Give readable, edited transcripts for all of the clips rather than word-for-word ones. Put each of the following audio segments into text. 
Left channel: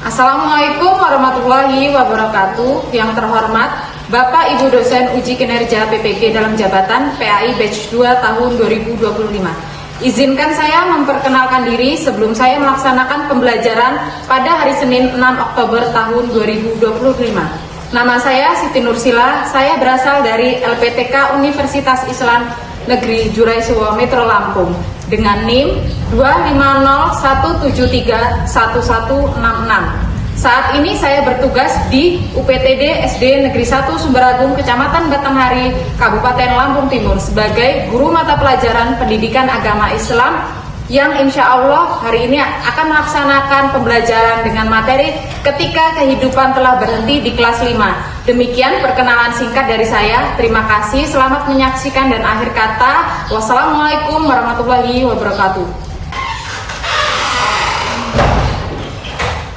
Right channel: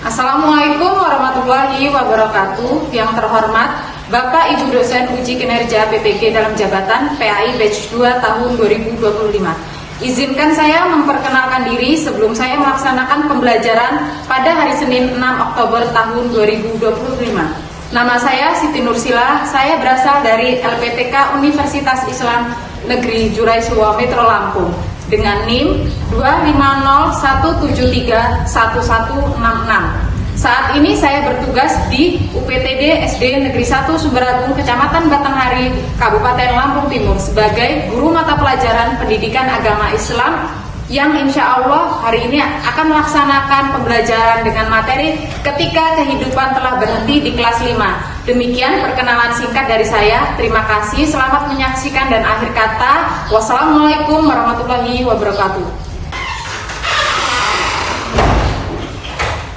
Assalamualaikum warahmatullahi wabarakatuh. Yang terhormat Bapak Ibu dosen uji kinerja PPG dalam jabatan PAI Batch 2 tahun 2025. Izinkan saya memperkenalkan diri sebelum saya melaksanakan pembelajaran pada hari Senin 6 Oktober tahun 2025. Nama saya Siti Nursila, saya berasal dari LPTK Universitas Islam Negeri Jurai Suwo Metro Lampung dengan NIM 250173116. Saat ini saya bertugas di UPTD SD Negeri 1 Sumberagung, Kecamatan Batanghari, Kabupaten Lampung Timur sebagai guru mata pelajaran pendidikan agama Islam yang insya Allah hari ini akan melaksanakan pembelajaran dengan materi ketika kehidupan telah berhenti di kelas 5. Demikian perkenalan singkat dari saya. Terima kasih, selamat menyaksikan dan akhir kata, wassalamualaikum warahmatullahi wabarakatuh.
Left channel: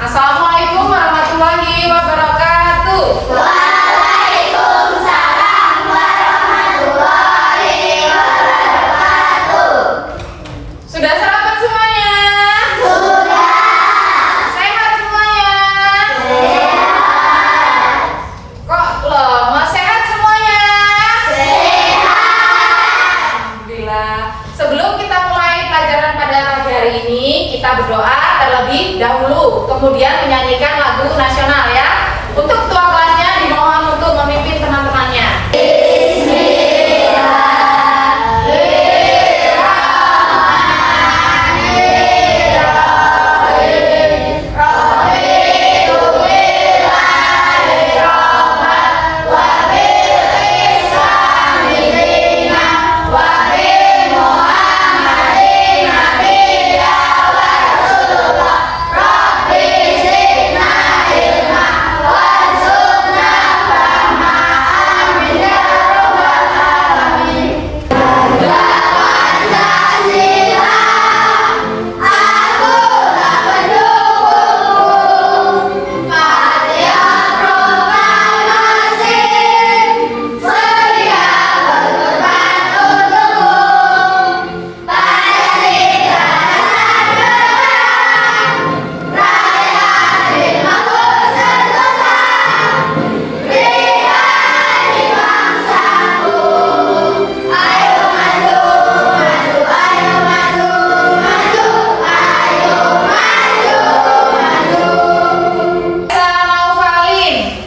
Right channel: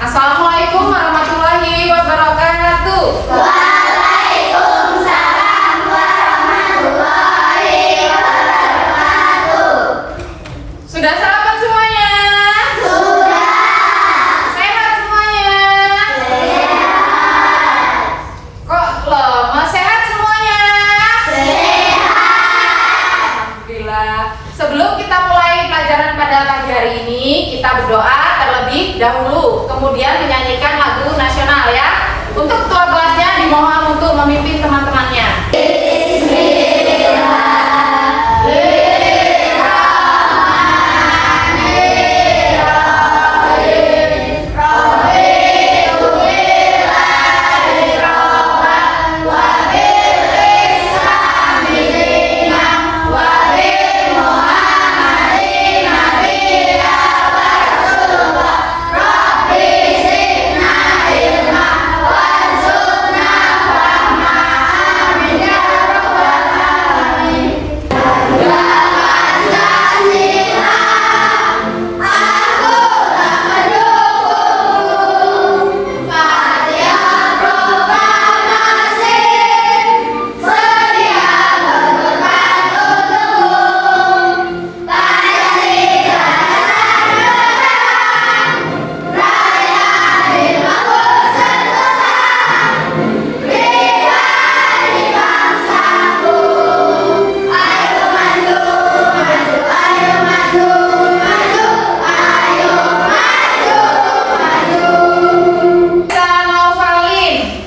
Assalamualaikum warahmatullahi wabarakatuh. Waalaikumsalam warahmatullahi wabarakatuh. Sudah sarapan semuanya? Sudah. Sehat semuanya? Sehat. Kok lemah? Sehat semuanya? Sehat. Alhamdulillah. Sebelum kita mulai pelajaran pada pagi hari ini, kita berdoa terlebih dahulu, kemudian menyanyikan lagu nasional ya. Untuk ketua kelasnya dimohon untuk memimpin teman-temannya.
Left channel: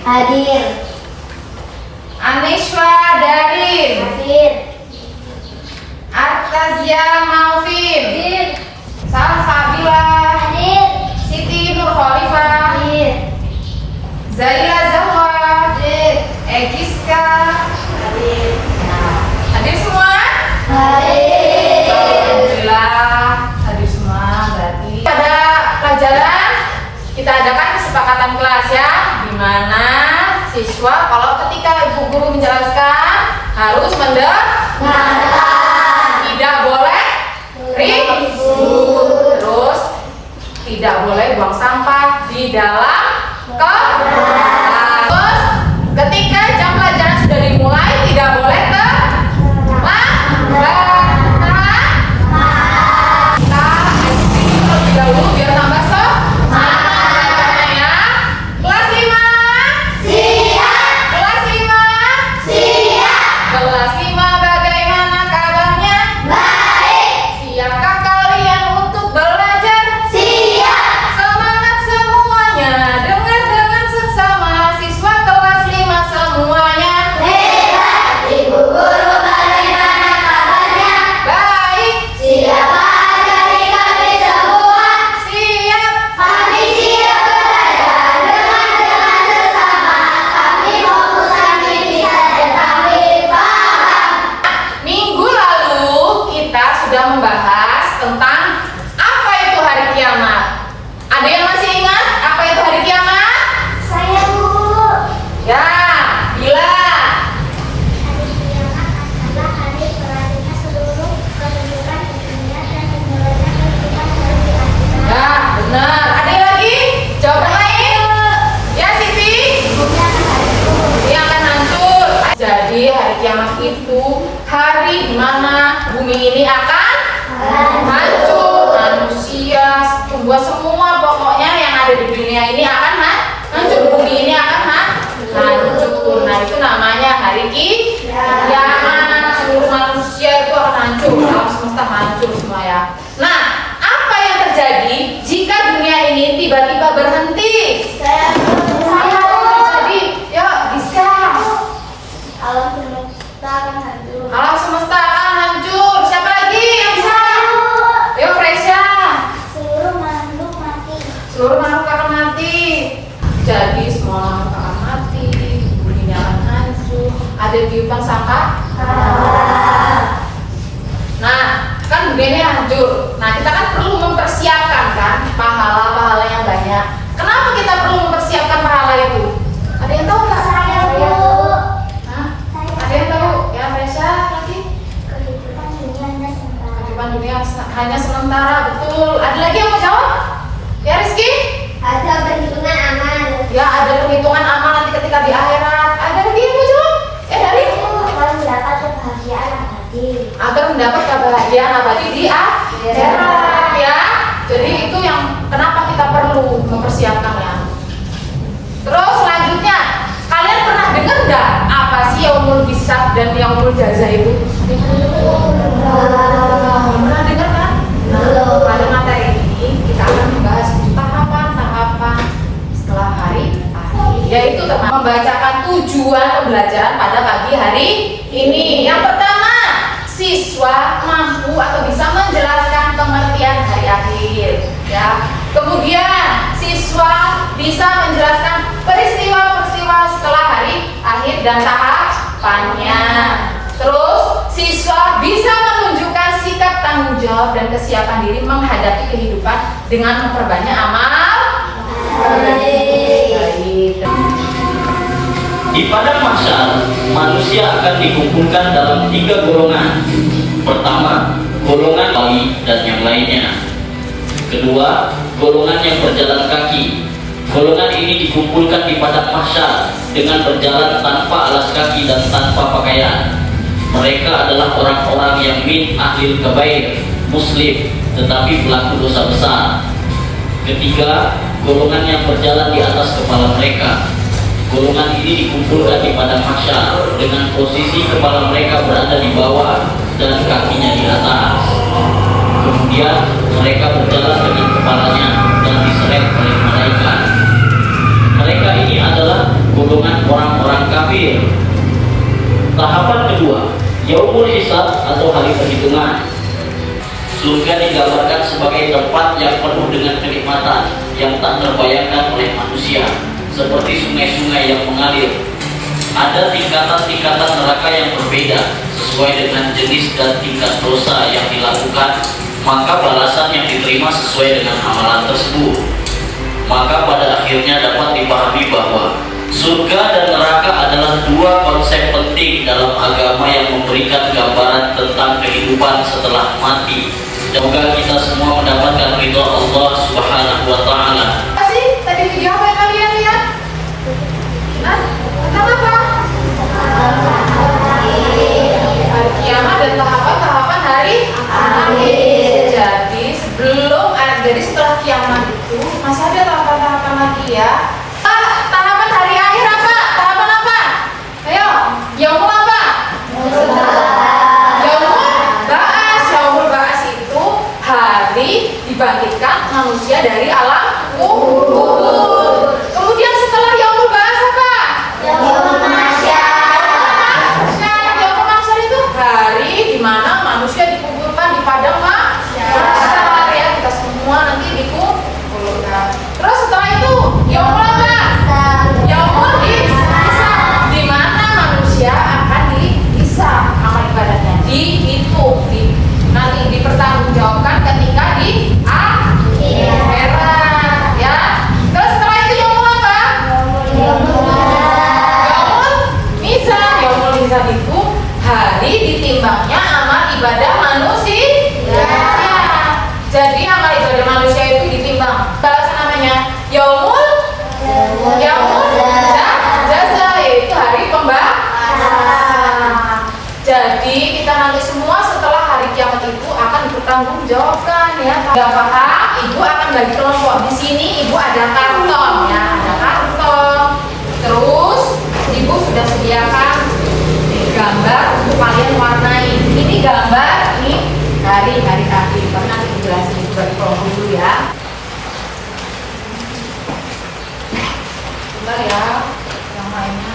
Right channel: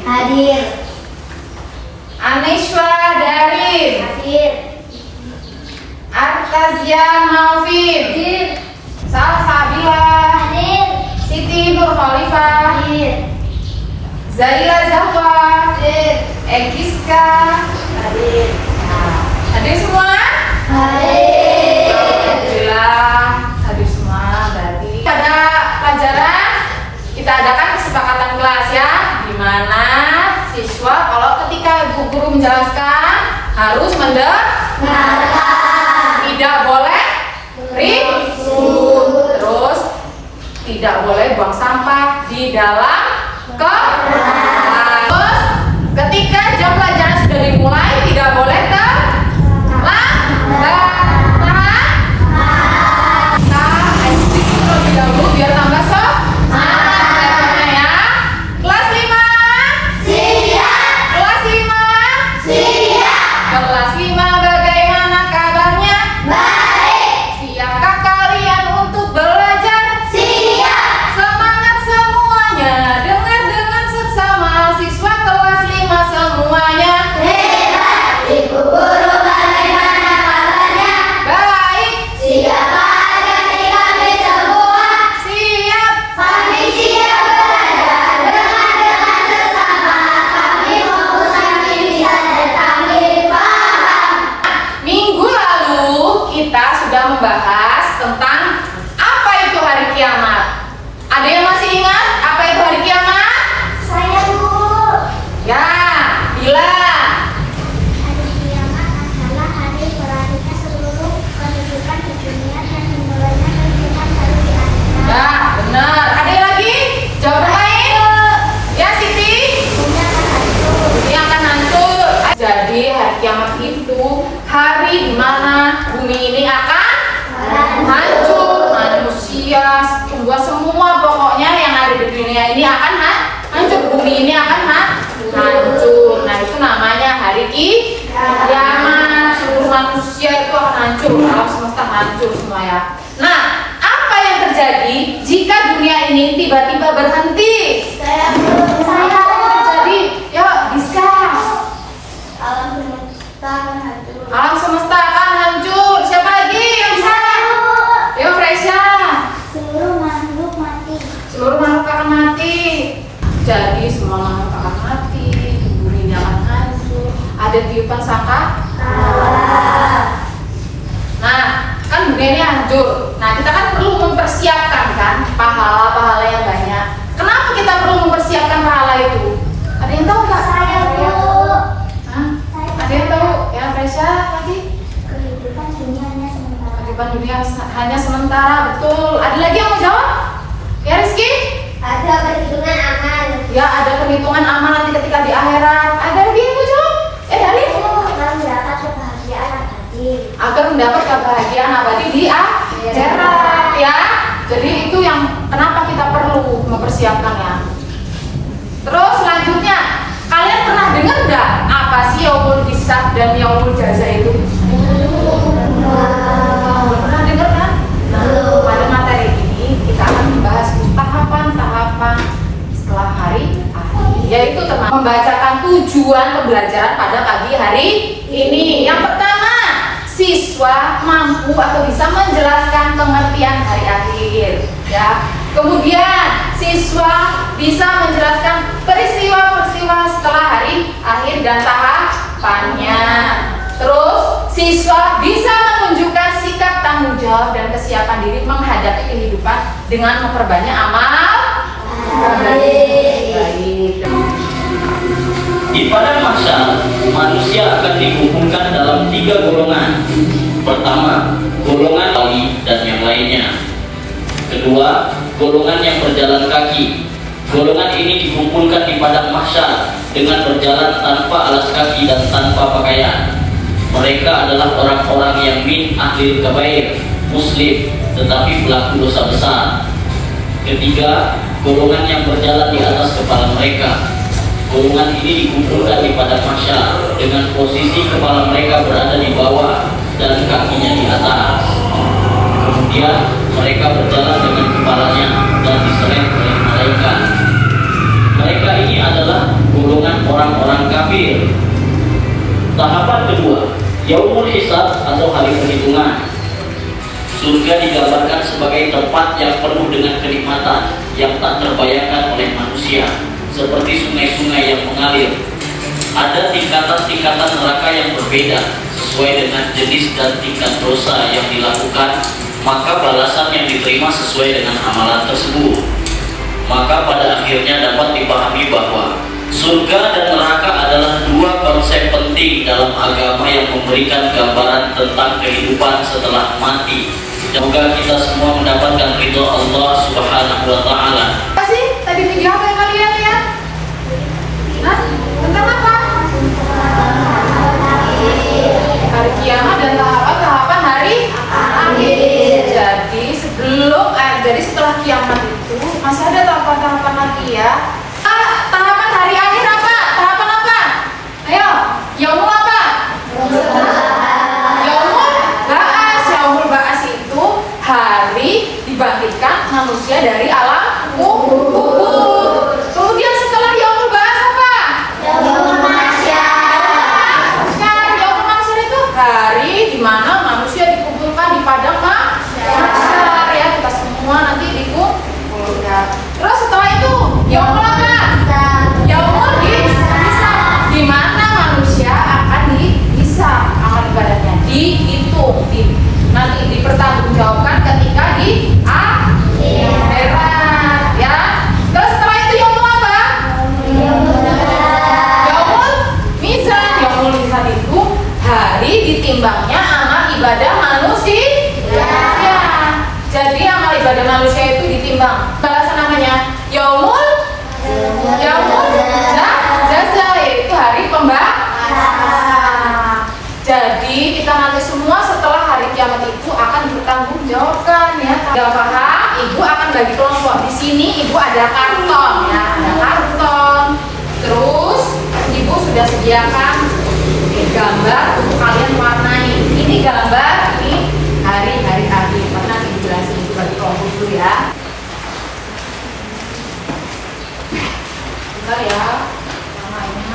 Hadir. Aniswa Darin, Hadir. Artazia Malvin, Hadir. Salsabila, Hadir. Siti Nur Khalifah, Hadir. Zaira Zahwa, Hadir. Egiska. Hadir. Nah, hadir semua? Hadir. Alhamdulillah, hadir semua. Berarti pada pelajaran kita adakan kesepakatan kelas ya, di mana siswa kalau ketika ibu guru menjelaskan harus mendengarkan, tidak boleh ribut, terus tidak boleh buang sampah di dalam kelas. Terus ketika jam pelajaran sudah dimulai tidak boleh terlambat. Kita ice cream terlebih dahulu biar tambah semangat ya. Kelas 5 Siap. kelas 5 Siap. kelas 5 bagaimana kabarnya? Baik. Siapkah kalian untuk belajar? Siap. Semangat semuanya, dengar dengan seksama. ini akan hancur, bumi ini akan hancur. Nah, itu namanya hari kiamat. Seluruh manusia itu akan hancur, alam semesta hancur semua ya. Nah, apa yang terjadi jika dunia ini tiba-tiba berhenti? Apa yang terjadi? Yuk, bisa. Alam semesta akan hancur. Alam semesta akan hancur. Siapa lagi yang bisa? Yuk, Fresha. Seluruh makhluk mati. Seluruh makhluk akan mati. Jadi semua makhluk akan mati, bumi ini akan hancur. Ada tiupan sangka? Nah, kan dunia ini hancur. Nah, kita kan perlu mempersiapkan kan pahala-pahala yang banyak. Kenapa kita perlu mempersiapkan pahala itu? Ada yang tahu nggak? Saya Bu. Hah? Ada yang tahu? Ya, Fresha lagi. Kehidupan dunia hanya sementara. Kehidupan dunia hanya sementara, betul. Ada lagi yang mau jawab? Ya, Rizky? Ada perhitungan amal. Ya, ada perhitungan amal nanti ketika di akhirat. Ada lagi yang mau jawab? Ya, dari Akan mendapat kebahagiaan abadi. agar mendapat kebahagiaan abadi di akhirat ya. Jadi itu yang kenapa kita perlu mempersiapkannya. Terus selanjutnya, kalian pernah dengar nggak apa sih yaumul hisab dan yaumul jaza itu? Pernah dengar kan? Pada materi ini kita akan membahas tahapan-tahapan setelah hari akhir, yaitu termasuk membacakan tujuan pembelajaran pada pagi hari ini. Yang pertama, siswa mampu atau bisa menjelaskan pengertian hari akhir ya. Kemudian siswa bisa menjelaskan peristiwa-peristiwa setelah hari akhir dan tahapannya. Terus siswa bisa menunjukkan sikap tanggung jawab dan kesiapan diri menghadapi kehidupan dengan memperbanyak amal baik. Di padang mahsyar, manusia akan dikumpulkan dalam 3 golongan. Pertama, golongan Ali dan yang lainnya. Kedua, golongan yang berjalan kaki. Golongan ini dikumpulkan di padang mahsyar dengan berjalan tanpa alas kaki dan tanpa pakaian. Mereka adalah orang-orang yang min ahlil kabair, muslim, tetapi pelaku dosa besar. Ketiga, golongan yang berjalan di atas kepala mereka. Golongan ini dikumpulkan di padang mahsyar dengan posisi kepala mereka berada di bawah dan kakinya di atas. Kemudian mereka berjalan dengan kepalanya dan diseret oleh malaikat. Mereka ini adalah golongan orang-orang kafir. Tahapan kedua, yaumul hisab atau hari perhitungan. Surga digambarkan sebagai tempat yang penuh dengan kenikmatan yang tak terbayangkan oleh manusia, seperti sungai-sungai yang mengalir. Ada tingkatan-tingkatan neraka yang berbeda sesuai dengan jenis dan tingkat dosa yang dilakukan, maka balasan yang diterima sesuai dengan amalan tersebut. Maka pada akhirnya dapat dipahami bahwa surga dan neraka adalah 2 konsep penting dalam agama yang memberikan gambaran tentang kehidupan setelah mati. Semoga kita semua mendapatkan ridho Allah Subhanahu wa Ta'ala. Apa sih tadi video apa yang kalian lihat? Hah? Tentang apa? Hari kiamat dan tahapan-tahapan hari akhir. Jadi jadi setelah kiamat itu masih ada tahapan-tahapan lagi ya. Tahapan hari akhir apa? Tahapan apa? Ayo, yaumul apa? Yaumul ba'as itu hari dibangkitkan manusia dari alam kubur. Kemudian setelah yaumul ba'as apa? Yaumul mahsyar. Yaumul mahsyar itu hari di mana manusia dikumpulkan di padang mahsyar ya, kita semua nanti dikumpulkan. Terus setelah itu yaumul apa? Yaumul hisab, di mana manusia akan dihisab amal ibadahnya, dihitung, nanti dipertanggungjawabkan ketika di akhirat ya. Terus setelah itu yaumul apa? Yaumul mizan. Yaumul mizan itu hari ditimbangnya amal ibadah manusia ya. Jadi amal ibadah manusia itu ditimbang. Balasan namanya yaumul jaza, yaitu hari pembalasan. Jadi kita nanti semua setelah hari kiamat itu akan bertanggung jawabkan ya. Tidak paham, ibu akan bagi kelompok. Di sini ibu ada karton ya. kalian warnai. Ini gambar, ini hari-hari akhir. Nanti dijelasin juga di kelompok dulu ya. Bentar ya, yang lainnya.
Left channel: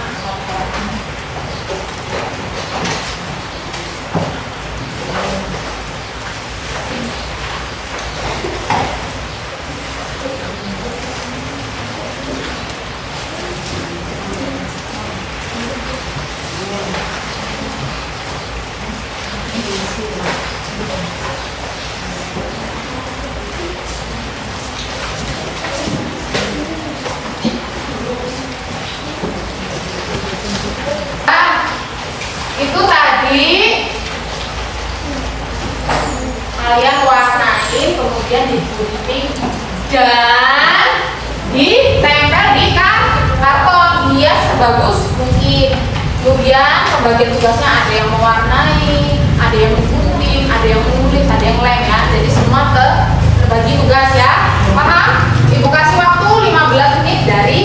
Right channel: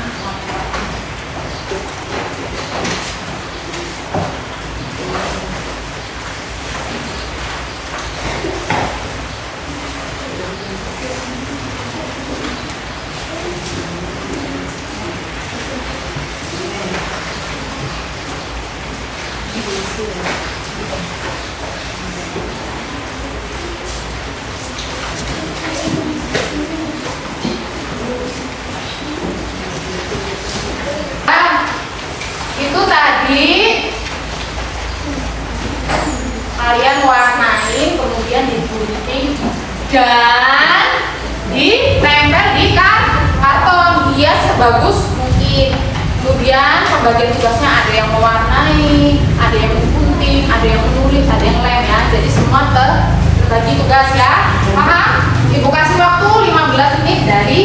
Itu tadi kalian warnain, kemudian digunting dan ditempel di karton, hias sebagus mungkin. Kemudian pembagian tugasnya ada yang mewarnai, ada yang menggunting, ada yang menulis, ada yang lem ya. Jadi semua terbagi tugas ya. Paham? Ibu kasih waktu 15 menit dari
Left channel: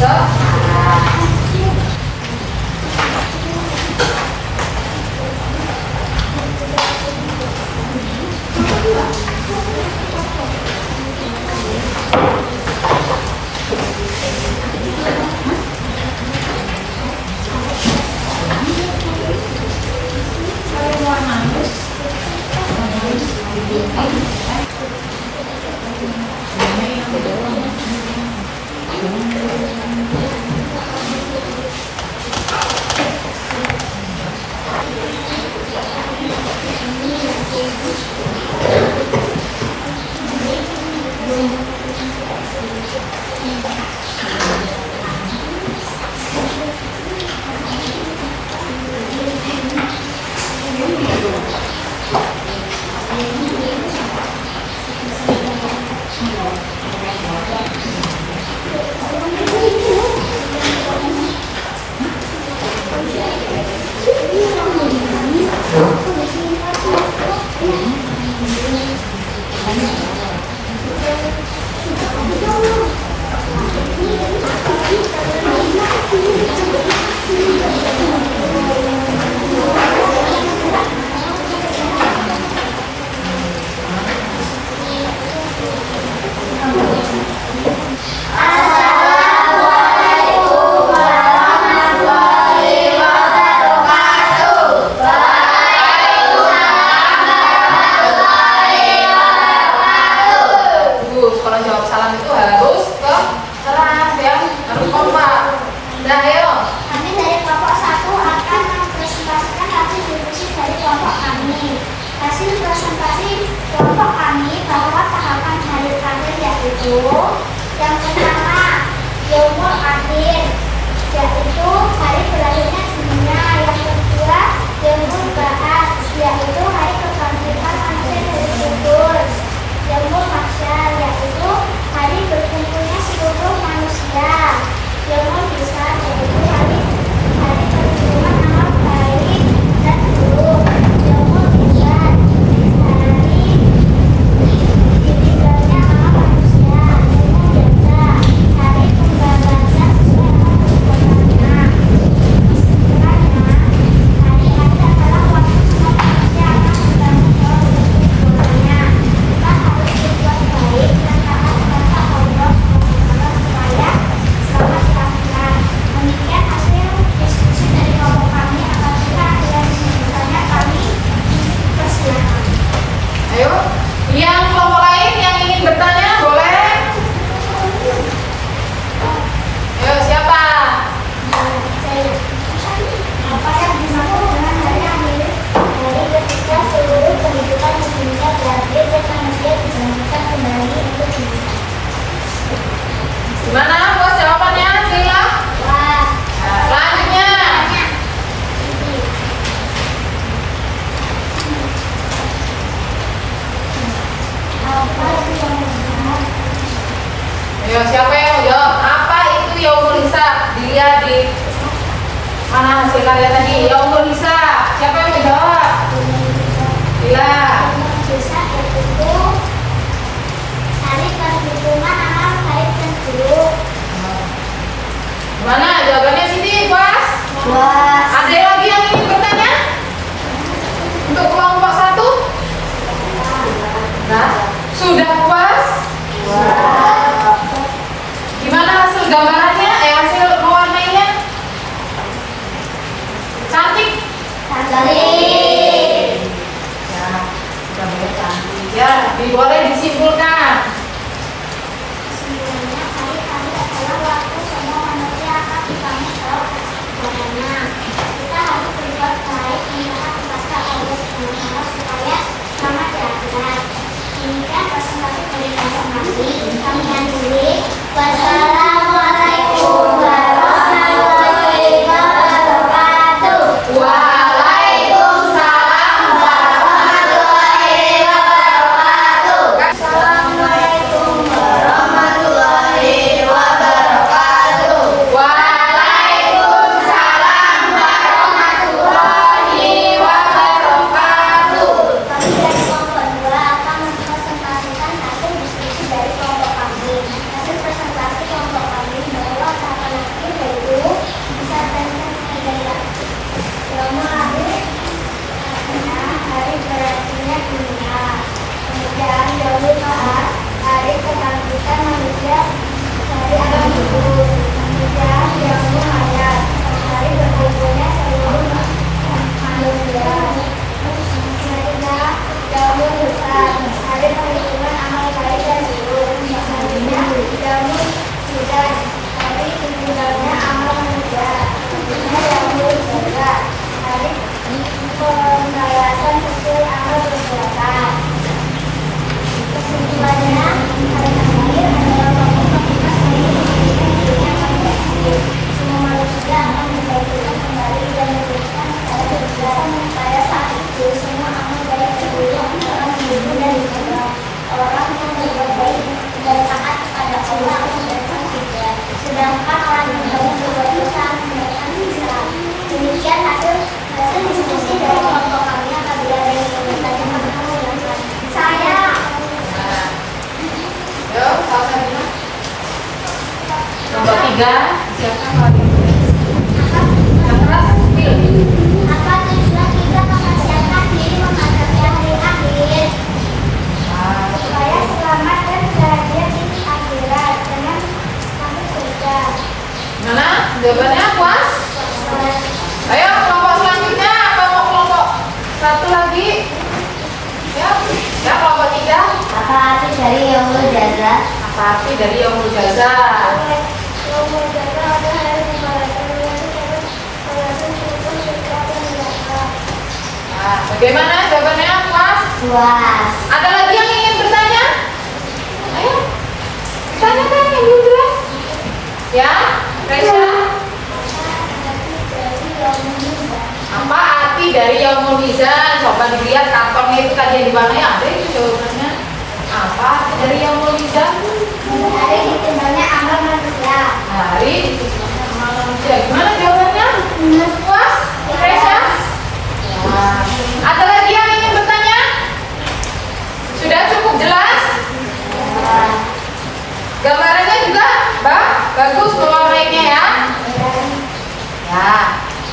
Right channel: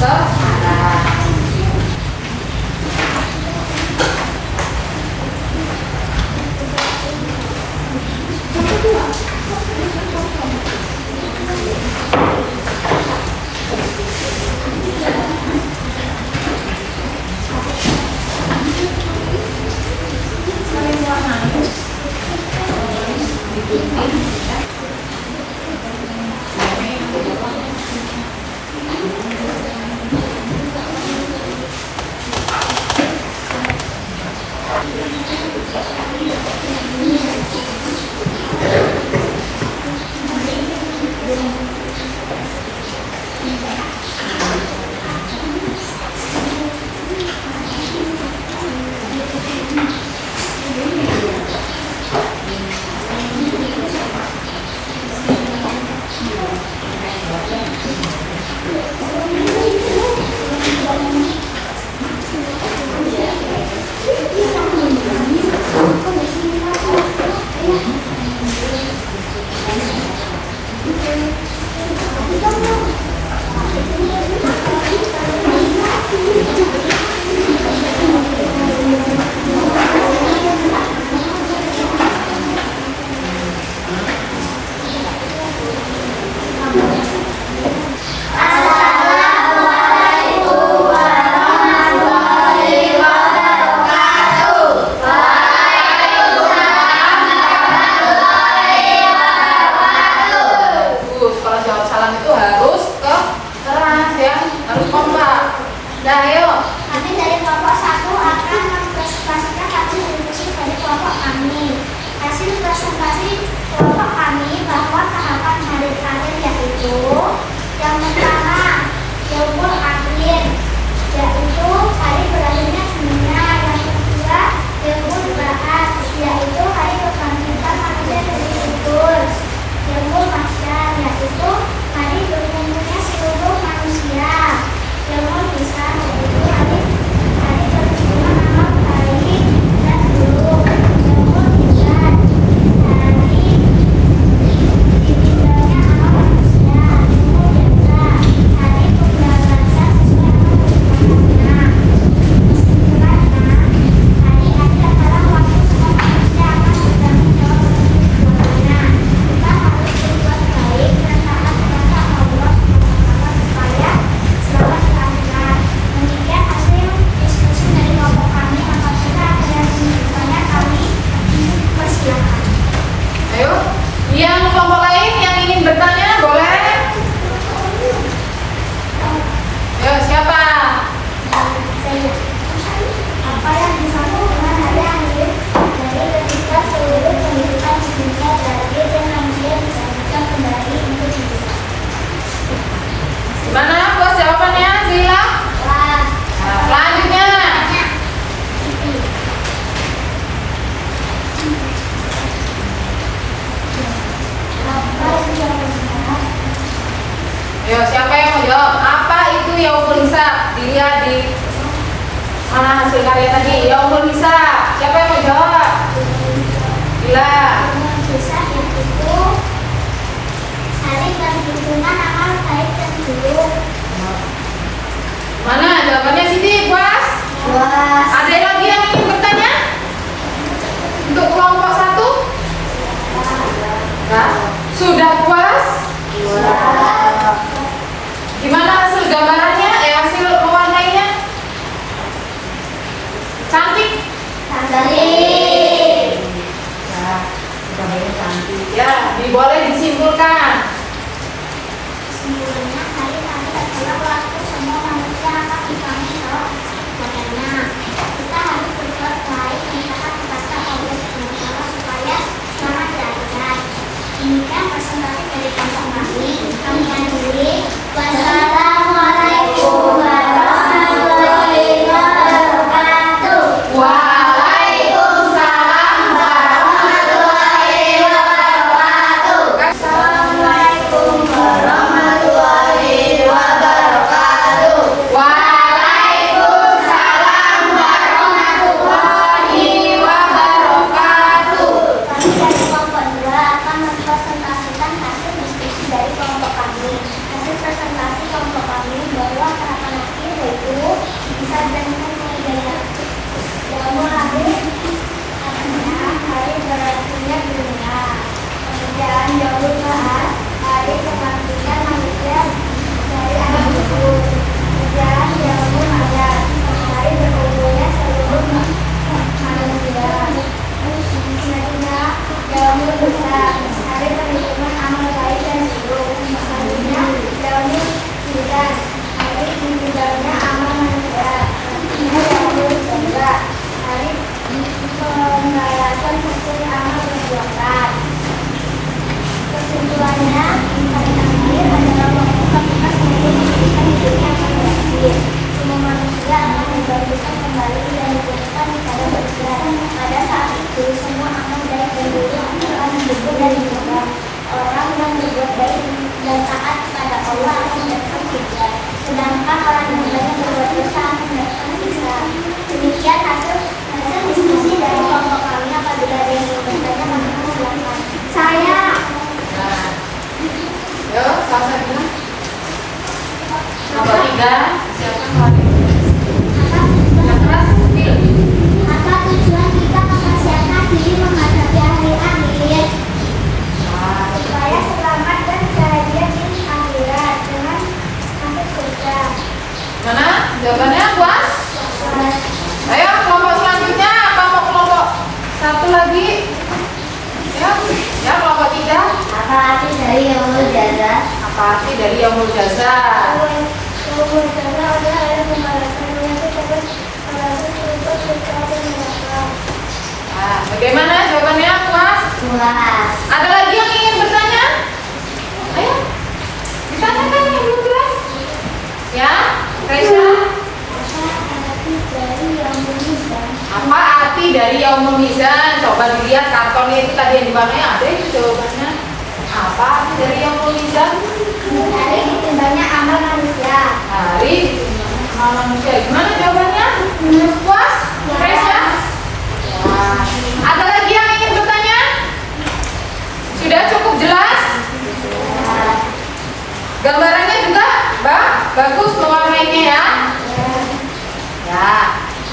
sekarang. dilihat di mana hasil karya tadi. Ya umur bisa. Siapa yang mau jawab? Bila. Bisa itu hari berhubungan amal baik dan buruk. Mana jawabannya Siti? Puas? Puas. Ada lagi yang ingin bertanya? Gimana hasil gambarannya? Hasil mewarnainya? Cantik? Cantik. Nah, gambarnya cantik ya. Boleh disimpulkan. Simpulnya tadi ada orang waktu semua manusia akan dikami tahu adanya. Kita harus berbuat baik mengingat kata Allah Subhanahu wa Ta'ala supaya sama jangan. Demikian presentasi dari Pastor Mati. Kami akhiri. Wassalamualaikum warahmatullahi wabarakatuh. Waalaikumsalam warahmatullahi wabarakatuh. Assalamualaikum warahmatullahi wabarakatuh. Waalaikumsalam warahmatullahi wabarakatuh. Kami dari kelompok 2 akan mempresentasikan hasil diskusi dari kelompok kami. Hasil presentasi kelompok kami bahwa harapan akhir yaitu bisa hidayah. Yang lalu karena hari berlakunya dunia. Pekerjaan jauh mahal, hari kebangkitan manusia, hari anak kubur. Pekerjaan jauh mahal, hari berlakunya seluruh manusia. Selanjutnya, jauh besar, hari perhitungan amal baik dan buruk. Selanjutnya, jauh sudah, hari tinggalnya amal manusia. Selanjutnya, jauh berjaga, hari pembalasan sesuai amal perbuatan. Kesimpulannya, hari akhir adalah waktu ketika saya memberikan dirinya pada akhir. Semua manusia akan menjadikan kembali dan memberikan kepada Tuhan. Pada saat itu, semua amal baik dan buruk akan menjadi dan dipegang. Orang yang berbuat baik dan taat kepada Allah akan mendapat surga. Sedangkan orang yang berbuat dosa akan mendapat siksa. Demikian hasil diskusi dari kelompok kami. Apabila ada yang ingin bertanya, maka silakan. Saya. Yuk, sampai mana? Nomor 3, siapkan mari. Yang keras, Bil. Apa tujuan kita mempersiapkan diri menghadapi hari akhir? Supaya selamat dan bahagia di akhirat dengan masuk surga. Mana? Jawabannya puas? Ayo, kelompok selanjutnya. Apa mau kelompok satu lagi? Ya, kelompok 3. Apa arti dari yaumul jaza? Apa arti dari yaumul jaza? Yaumul jaza adalah hari di mana Nah, bagaimana jawabannya puas? puas. Ada lagi yang ingin bertanya? Ayo, ditanyakan yang belum jelas. Ya, Reza. Apa arti dari yaumul mizan? Coba dilihat kartonnya itu tadi yang di bawahnya ada itu jawabannya. Apa arti dari yaumul mizan? Hari ditimbangnya amal manusia. Hari ditimbangkan manusia. Gimana jawabannya? Puas? Reza? Nah, ada lagi yang ingin bertanya? Sudah cukup jelas? Gambarannya juga, bagus mewarnainya ya.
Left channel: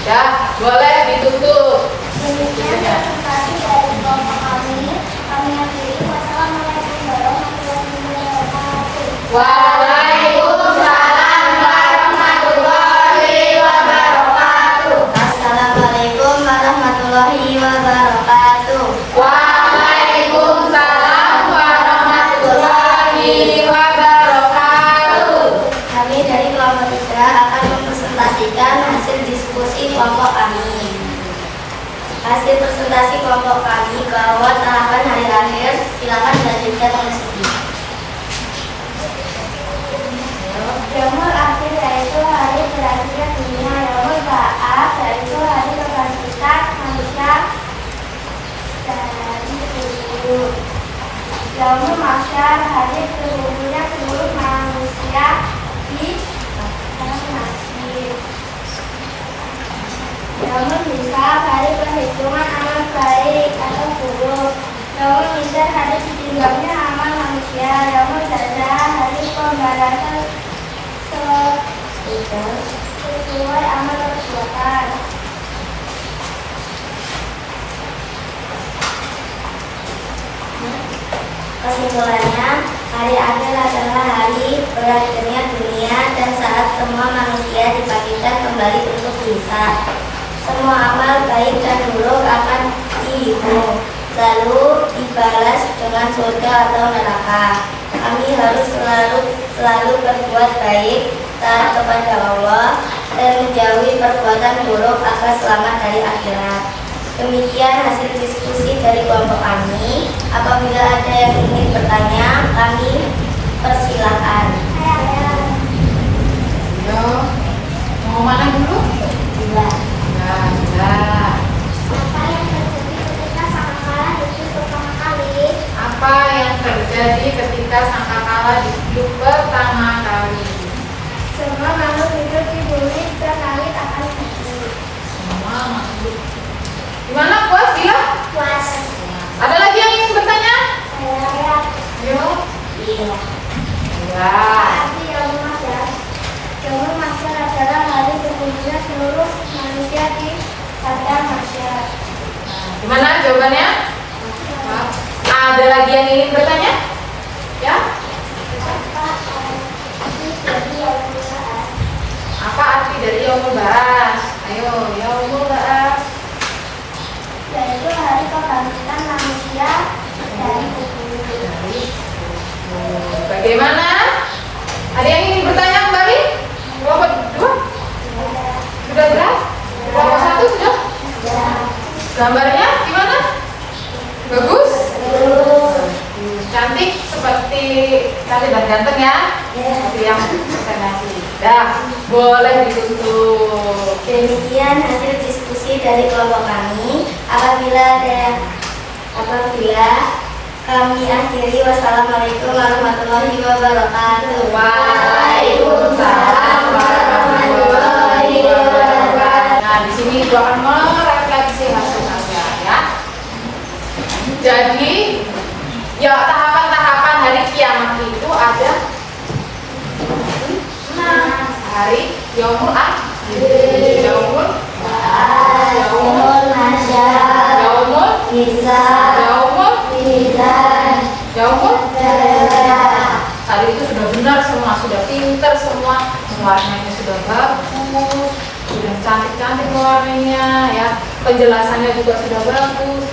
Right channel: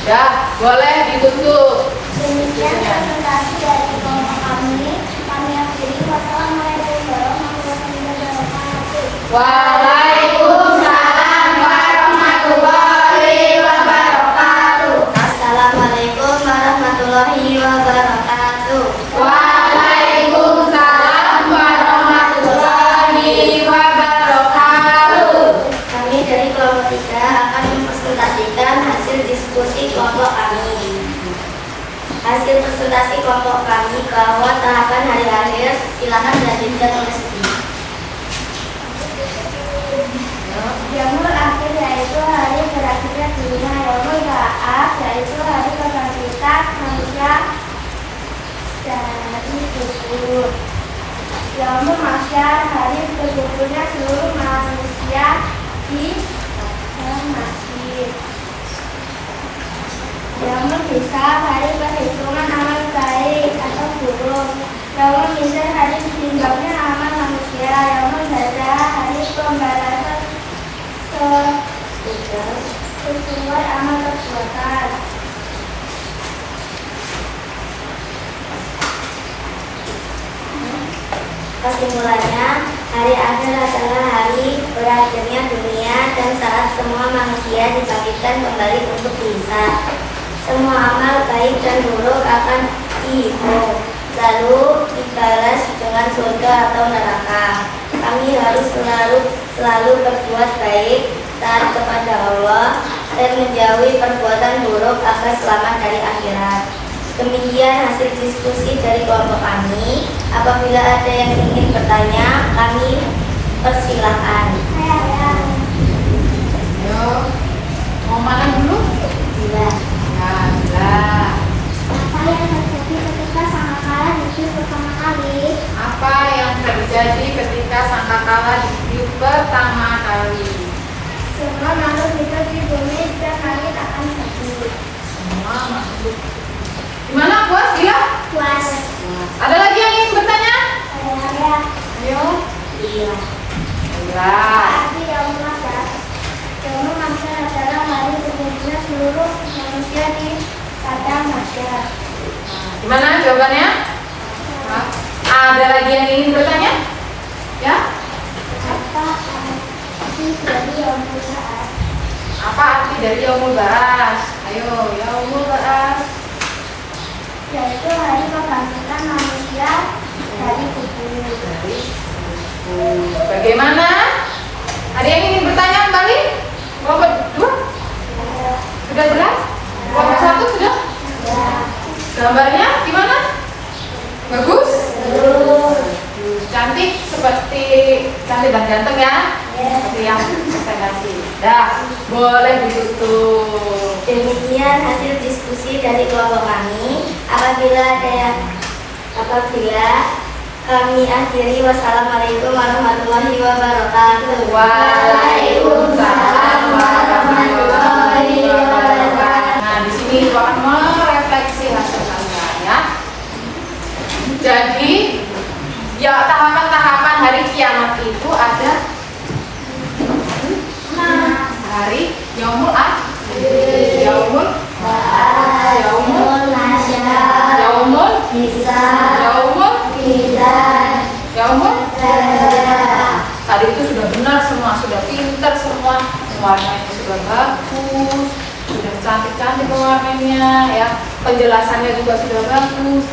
Ya, boleh ditutup. Demikian presentasi dari kelompok kami. Kami akhiri. Wassalamualaikum warahmatullahi wabarakatuh. Waalaikumsalam warahmatullahi wabarakatuh. Assalamualaikum warahmatullahi wabarakatuh. Waalaikumsalam warahmatullahi wabarakatuh. Kami dari kelompok 3 akan mempresentasikan hasil diskusi kelompok kami. Hasil presentasi kelompok kami bahwa terapan hari akhir silakan dilanjutkan oleh Siti. Yaumul akhir yaitu hari berakhirnya dunia. Yaumul ba'ats yaitu hari kebangkitan manusia dari kubur. Yaumul mahsyar hari berkumpulnya seluruh manusia di alam masjid. Yaumul hisab hari perhitungan amal baik atau buruk. Yaumul mizan hari ditinjaunya amal manusia. Yaumul jaza hari pembalasan sesuai amal perbuatan. Kesimpulannya, Hari Adhan adalah hari berakhirnya dunia dan saat semua manusia dibangkitkan kembali untuk berhisab. Semua amal baik dan buruk akan dihitung, lalu dibalas dengan surga atau neraka. Kami harus selalu berbuat baik, taat kepada Allah, dan menjauhi perbuatan buruk agar selamat dari akhirat. Demikian hasil diskusi dari kelompok kami. Apabila ada yang ingin bertanya, kami persilakan. Yo, mau mana dulu? Bila Apa yang terjadi ketika sangkakala di hidup pertama kali? semua makhluk hidup di bumi setiap hari akan hidup. Gimana, puas? Gila? Puas. Ada lagi yang ingin bertanya? Saya Ayo. iya. Ya. Arti Yaumul Mahsyar. Yaumul Mahsyar adalah hari berkumpulnya seluruh manusia di padang mahsyar. Gimana jawabannya? Ada lagi yang ingin bertanya? Ya? Apa arti dari Yaumul Apa arti dari Yaumul Baras? Baras? Ayo, Yaumul Baras. Yaitu hari kebangkitan manusia dari kubur. Bagaimana? Ada yang ingin bertanya kembali? Kelompok 2? Sudah jelas? Kelompok 1 sudah? Gambarnya gimana? Bagus? Cantik seperti cantik dan ganteng ya? Seperti yang saya kasih. Dah, boleh ditutup. Demikian hasil diskusi dari kelompok kami. Apabila kami akhiri, wassalamualaikum warahmatullahi wabarakatuh. Waalaikumsalam warahmatullahi wabarakatuh. Nah, di sini Ibu akan merefleksi hasil kalian ya. Jadi, ya tahapan-tahapan hari kiamat itu ada hari Yaumul Akhir, Yaumul Yaumul Yaumul Tadi itu sudah benar semua, sudah pinter semua, warnanya sudah bagus, sudah cantik-cantik warnanya ya, penjelasannya juga sudah bagus,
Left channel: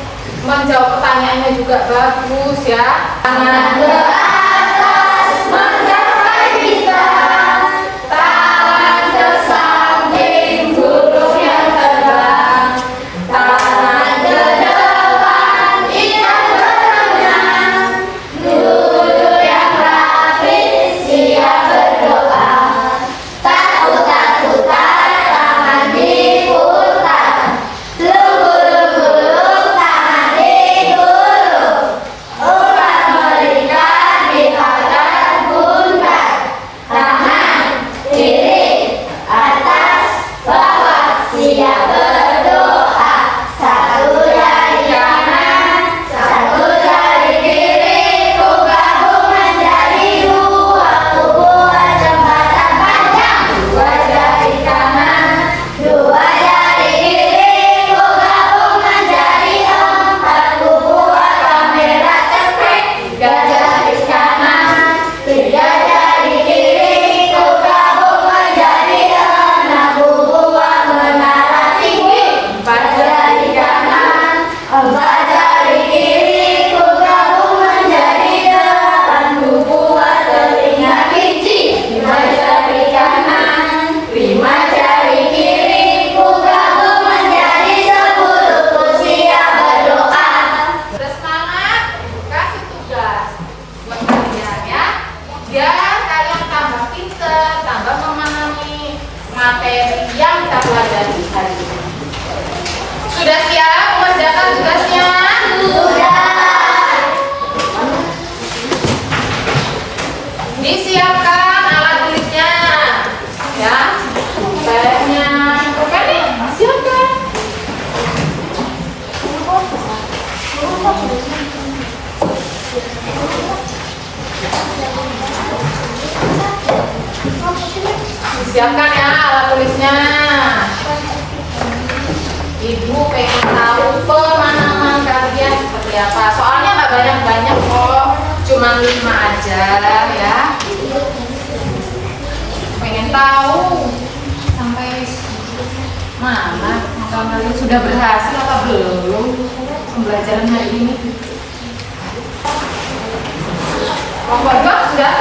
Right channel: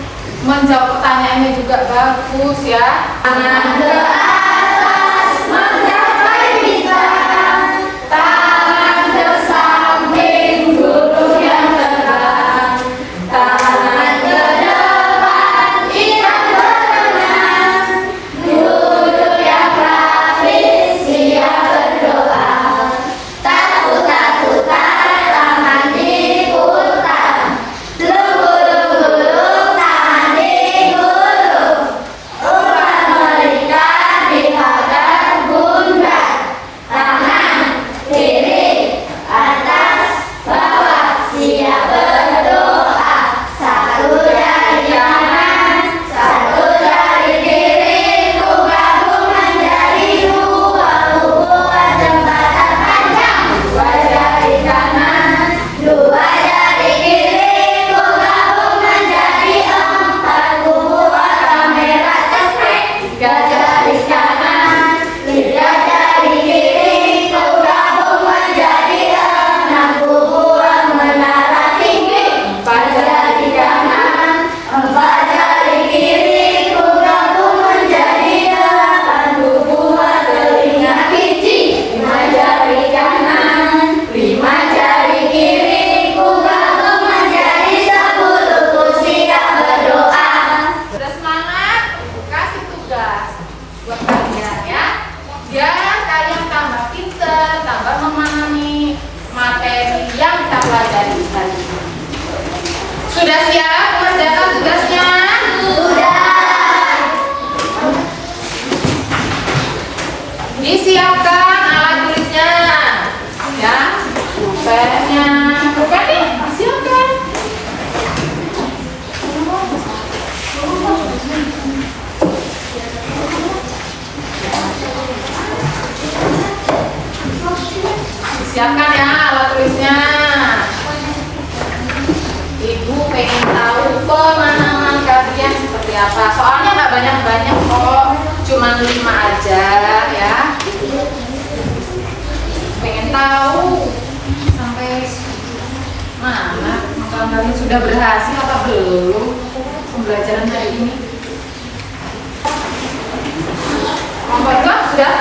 menjawab pertanyaannya juga bagus ya. Tangan ke atas mencapai bintang, tangan ke samping guru yang terbang, tangan ke depan ikan berenang, guru yang rapi siap berdoa, takut-takutan tangan diputar, lunggu-lunggu tangan digulung, umat berikan di hadap bunda, tangan kiri atas bawah siap berdoa, satu dari kanan, satu dari kiri, ku gabung menjadi dua, ku buat jembatan panjang, dua jari kanan, dua jari kiri, ku gabung menjadi empat, ku buat kamera cepet, tiga jari kanan, tiga jari kiri, ku gabung menjadi enam, ku buat menara tinggi, empat jari kanan, empat jari kiri, ku gabung menjadi delapan, ku buat telinga biji, lima jari kanan, lima jari kiri, ku gabung menjadi 10, ku siap berdoa. Sudah semangat? Kasih tugas buat kalian ya, biar kalian tambah pinter, tambah memahami materi yang kita pelajari hari ini. Sudah siap mengerjakan tugasnya? Sudah. Disiapkan alat tulisnya, ya. Pulpennya, pulpen nih, siapkan. Siapkan ya alat tulisnya. Ibu pengen tahu pemahaman kalian seperti apa. Soalnya nggak banyak-banyak kok. Cuman 5 aja ya. Pengen tahu sampai mana kalian sudah berhasil atau belum pembelajaran hari ini? Keluarga sudah?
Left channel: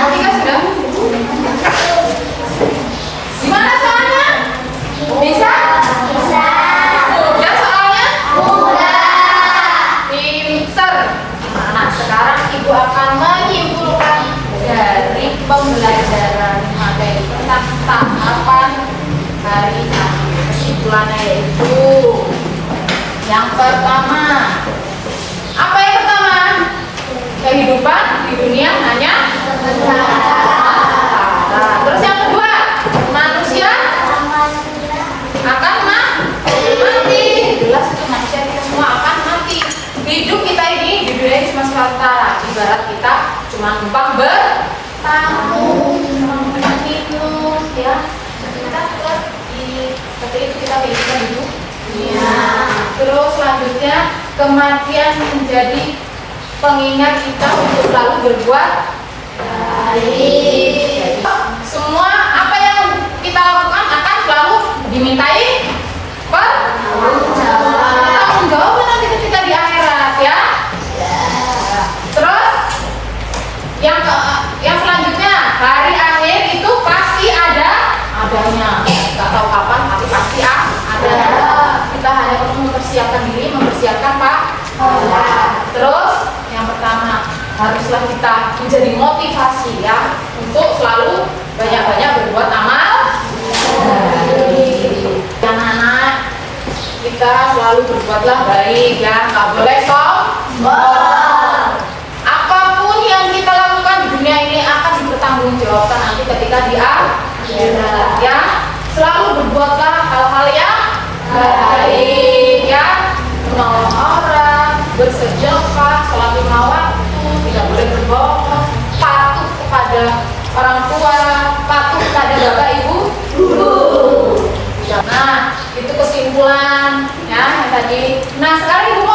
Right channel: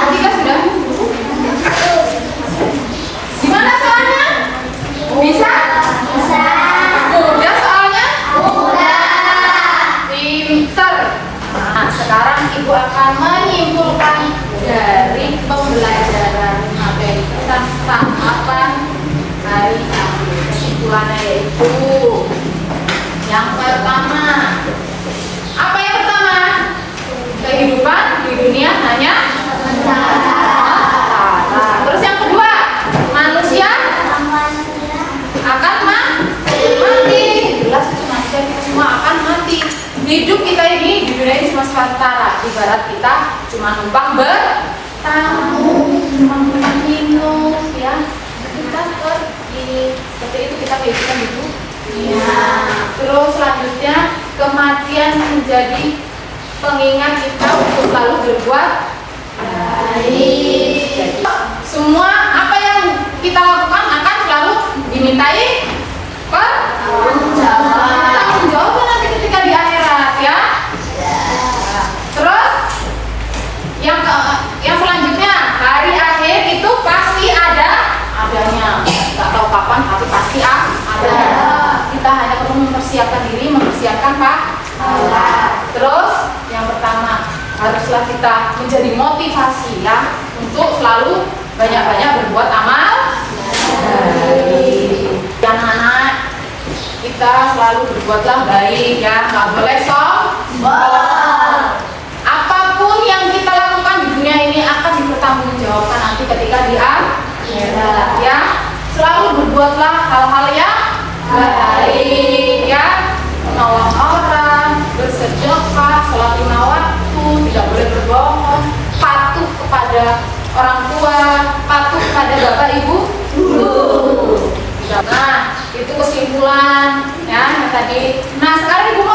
Ketiga sudah? Gimana soalnya? Bisa? Mudah soalnya? Pinter. Nah, sekarang ibu akan menyimpulkan dari pembelajaran materi tentang tahapan hari ini. Kesimpulannya yaitu yang pertama. Apa yang pertama? Kehidupan di dunia hanya terus yang kedua, manusia akan mati. Jelas itu manusia kita semua akan mati. Hidup kita ini di dunia ini cuma sementara. Ibarat kita cuma numpang bertamu, numpang minum, ya. Kita pergi. Seperti itu kita kehidupan hidup. Ya. Terus selanjutnya kematian menjadi pengingat kita untuk selalu berbuat baik. Jadi, semua apa yang kita lakukan akan selalu dimintai pertanggungjawaban nanti ketika di akhirat ya. Terus yang selanjutnya hari akhir itu pasti adanya. Nggak tahu kapan tapi pasti ada. Kita hanya perlu mempersiapkan diri, mempersiapkan Terus yang pertama haruslah kita menjadi motivasi ya untuk selalu banyak-banyak berbuat amal. Anak-anak kita selalu berbuatlah baik ya, nggak boleh sombong. Apapun yang kita lakukan di dunia ini akan dipertanggungjawabkan nanti ketika di akhirat ya. Selalu berbuatlah hal-hal yang baik ya, menolong orang, bersedekah, sholat 5 waktu, tidak boleh berbohong, patuh kepada orang tua, patuh kepada bapak ibu guru. Nah, itu kesimpulan ya tadi. Nah, sekarang ibu mau